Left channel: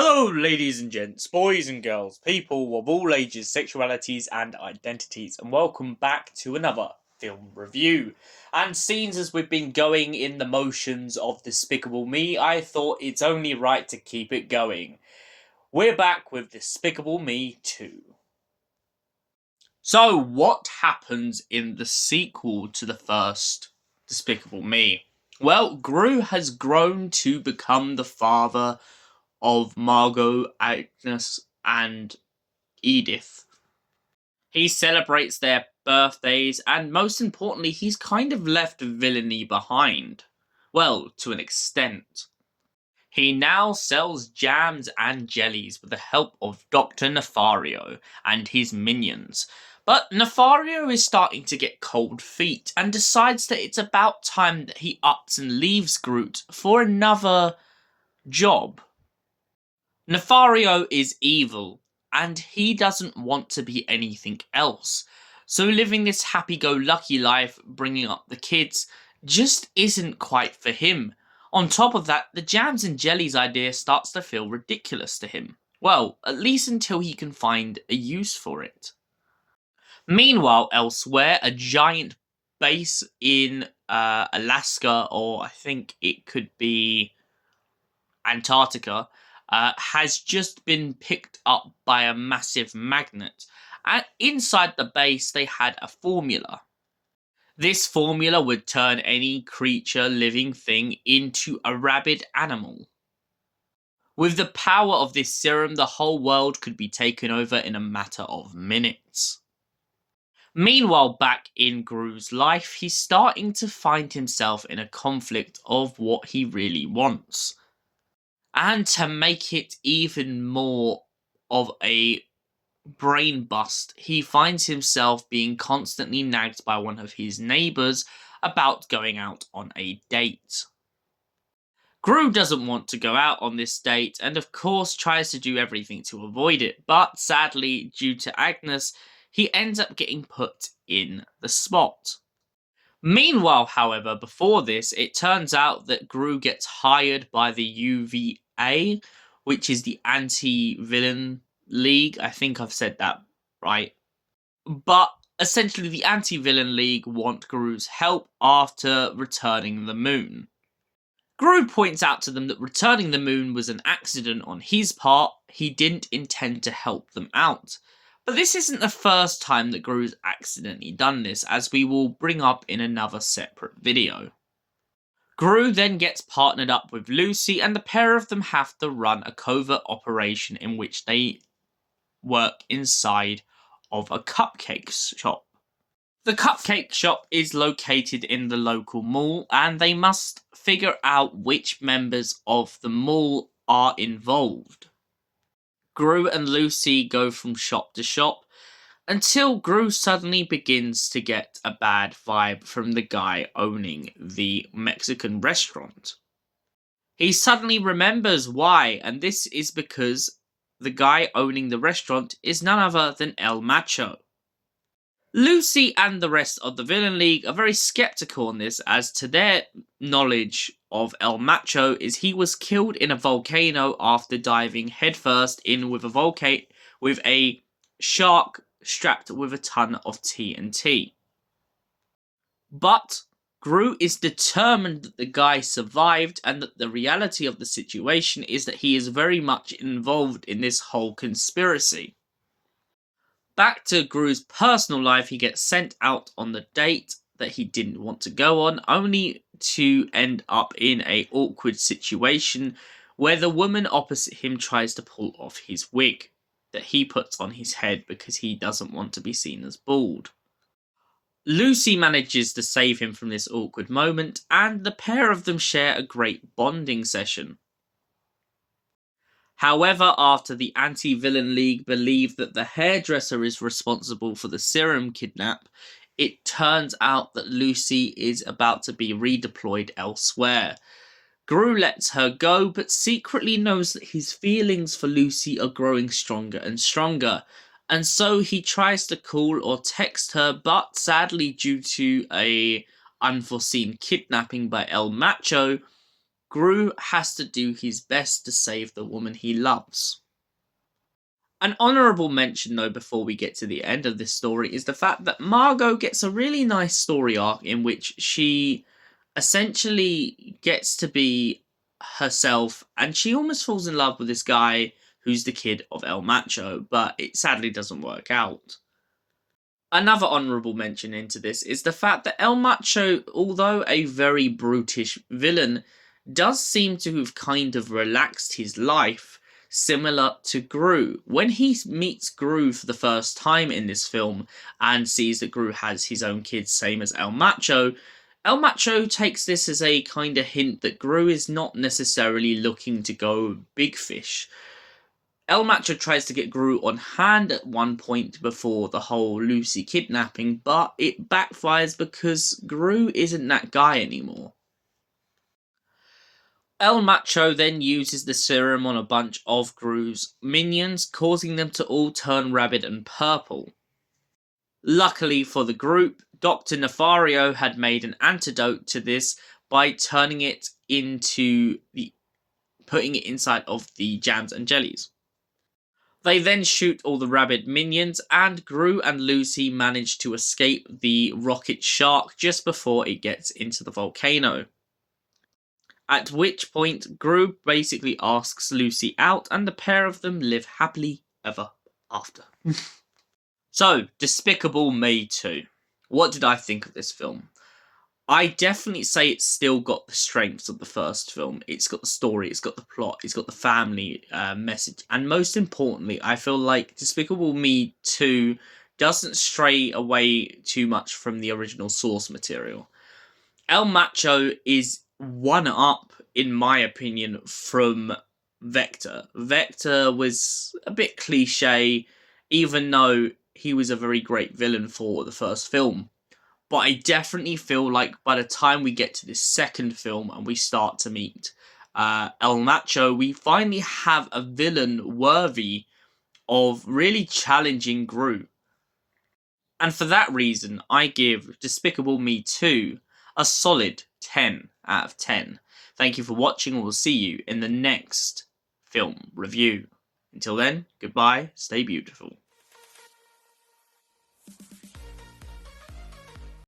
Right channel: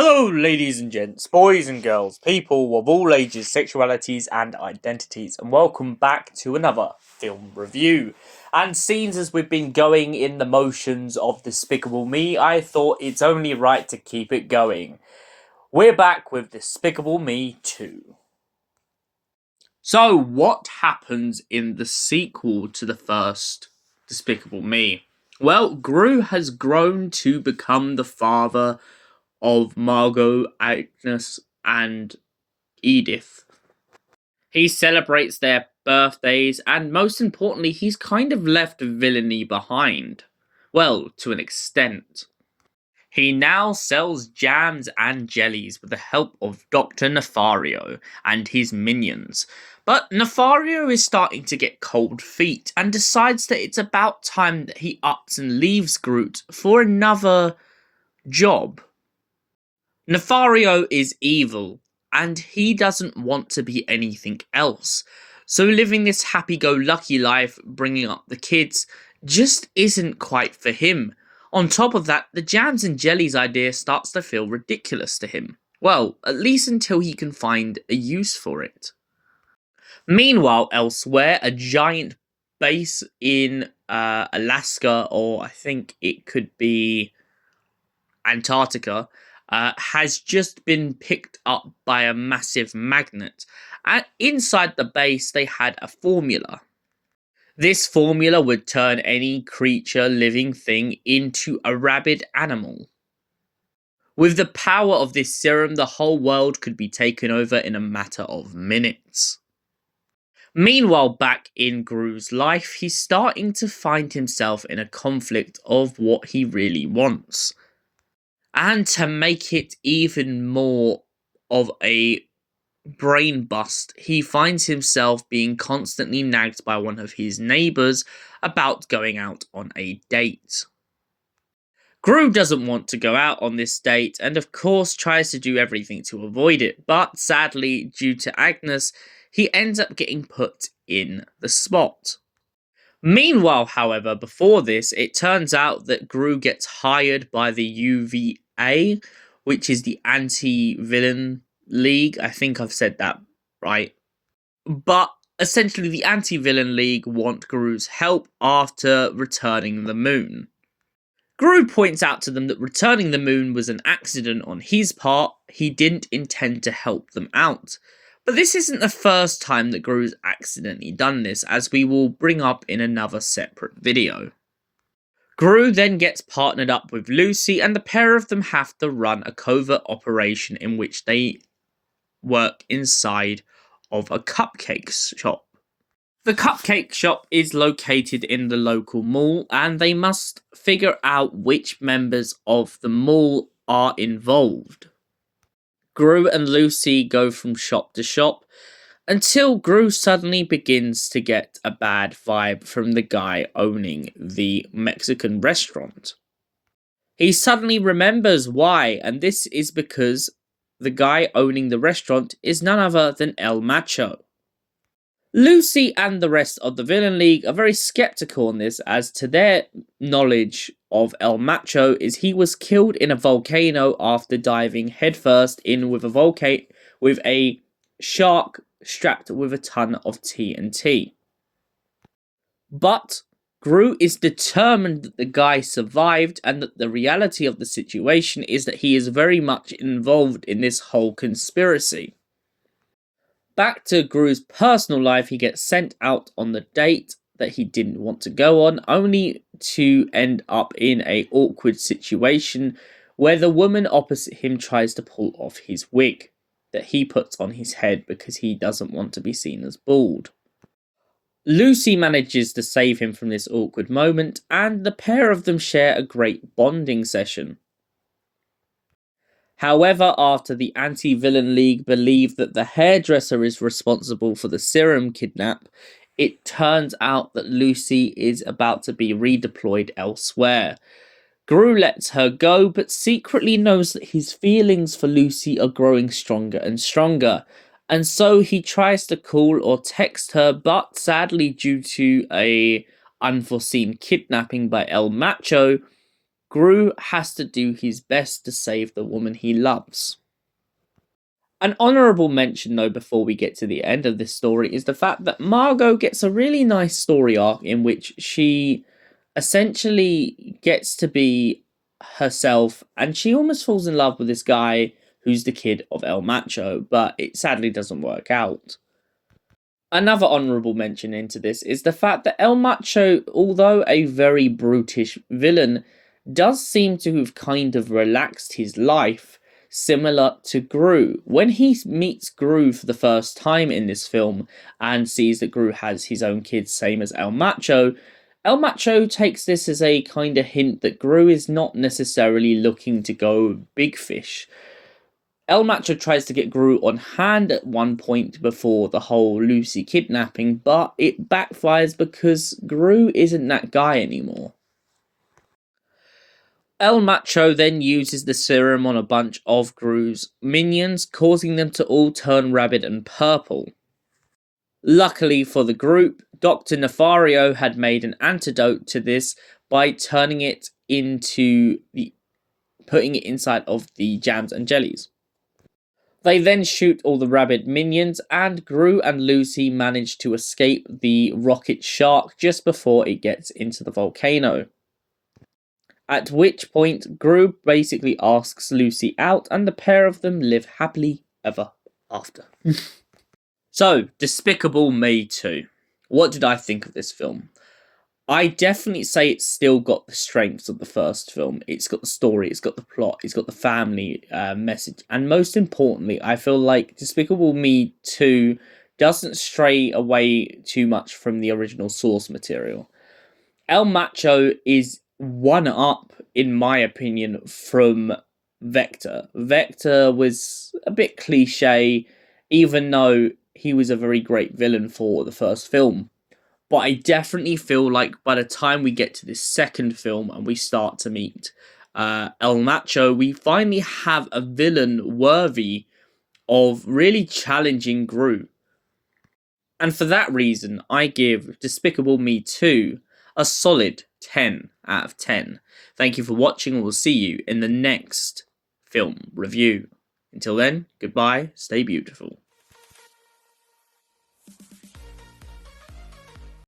Hello, ladies and gents, boys and girls, people of all ages, sexualities, and identities, and welcome back to another film review. And seeing as we've been going in the motions of Despicable Me, I thought it's only right to keep it going. We're back with Despicable Me 2. So, what happens in the sequel to the first Despicable Me? Well, Gru has grown to become the father of Margot, Agnes, and Edith. He celebrates their birthdays, and most importantly, he's kind of left villainy behind. Well, to an extent. He now sells jams and jellies with the help of Dr. Nefario and his minions. But Nefario is starting to get cold feet and decides that it's about time that he ups and leaves Groot for another job. Nefario is evil, and he doesn't want to be anything else. So living this happy-go-lucky life, bringing up the kids, just isn't quite for him. On top of that, the jams and jellies idea starts to feel ridiculous to him. Well, at least until he can find a use for it. Meanwhile, elsewhere, a giant base in Alaska, or I think it could be Antarctica, has just been picked up by a massive magnet. And inside the base, they had a formula. This formula would turn any creature, living thing, into a rabid animal. With the power of this serum, the whole world could be taken over in a matter of minutes. Meanwhile, back in Gru's life, he's starting to find himself in a conflict of what he really wants. And to make it even more of a brain bust, he finds himself being constantly nagged by one of his neighbours about going out on a date. Gru doesn't want to go out on this date and of course tries to do everything to avoid it, but sadly, due to Agnes, he ends up getting put in the spot. Meanwhile, however, before this, it turns out that Gru gets hired by the UVA, which is the Anti-Villain League. I think I've said that right. But essentially, the Anti-Villain League want Gru's help after returning the moon. Gru points out to them that returning the moon was an accident on his part. He didn't intend to help them out. But this isn't the first time that Gru's accidentally done this, as we will bring up in another separate video. Gru then gets partnered up with Lucy, and the pair of them have to run a covert operation in which they work inside of a cupcake shop. The cupcake shop is located in the local mall, and they must figure out which members of the mall are involved. Gru and Lucy go from shop to shop until Gru suddenly begins to get a bad vibe from the guy owning the Mexican restaurant. He suddenly remembers why, and this is because the guy owning the restaurant is none other than El Macho. Lucy and the rest of the Villain League are very skeptical on this, as to their knowledge of El Macho is he was killed in a volcano after diving headfirst in with a shark strapped with a ton of TNT. But Gru is determined that the guy survived, and that the reality of the situation is that he is very much involved in this whole conspiracy. Back to Gru's personal life, he gets sent out on the date that he didn't want to go on, only to end up in an awkward situation where the woman opposite him tries to pull off his wig that he puts on his head because he doesn't want to be seen as bald. Lucy manages to save him from this awkward moment, and the pair of them share a great bonding session. However, after the Anti-Villain League believe that the hairdresser is responsible for the serum kidnap, it turns out that Lucy is about to be redeployed elsewhere. Gru lets her go, but secretly knows that his feelings for Lucy are growing stronger and stronger, and so he tries to call or text her, but sadly due to a unforeseen kidnapping by El Macho, Gru has to do his best to save the woman he loves. An honourable mention, though, before we get to the end of this story, is the fact that Margot gets a really nice story arc in which she essentially gets to be herself, and she almost falls in love with this guy who's the kid of El Macho, but it sadly doesn't work out. Another honourable mention into this is the fact that El Macho, although a very brutish villain, does seem to have kind of relaxed his life, similar to Gru. When he meets Gru for the first time in this film and sees that Gru has his own kids, same as El Macho takes this as a kind of hint that Gru is not necessarily looking to go big fish. El Macho tries to get Gru on hand at one point before the whole Lucy kidnapping, but it backfires because Gru isn't that guy anymore. El Macho then uses the serum on a bunch of Gru's minions, causing them to all turn rabid and purple. Luckily for the group, Dr. Nefario had made an antidote to this by putting it inside of the jams and jellies. They then shoot all the rabid minions, and Gru and Lucy manage to escape the rocket shark just before it gets into the volcano. At which point, Gru basically asks Lucy out, and the pair of them live happily ever after. So, Despicable Me 2. What did I think of this film? I definitely say it's still got the strengths of the first film. It's got the story, it's got the plot, it's got the family message. And most importantly, I feel like Despicable Me 2 doesn't stray away too much from the original source material. El Macho is one up, in my opinion, from Vector. Vector was a bit cliche, even though he was a very great villain for the first film. But I definitely feel like by the time we get to this second film and we start to meet El Macho, we finally have a villain worthy of really challenging Gru. And for that reason, I give Despicable Me 2 a solid 10 out of 10. Thank you for watching, and we'll see you in the next film review. Until then, goodbye, stay beautiful.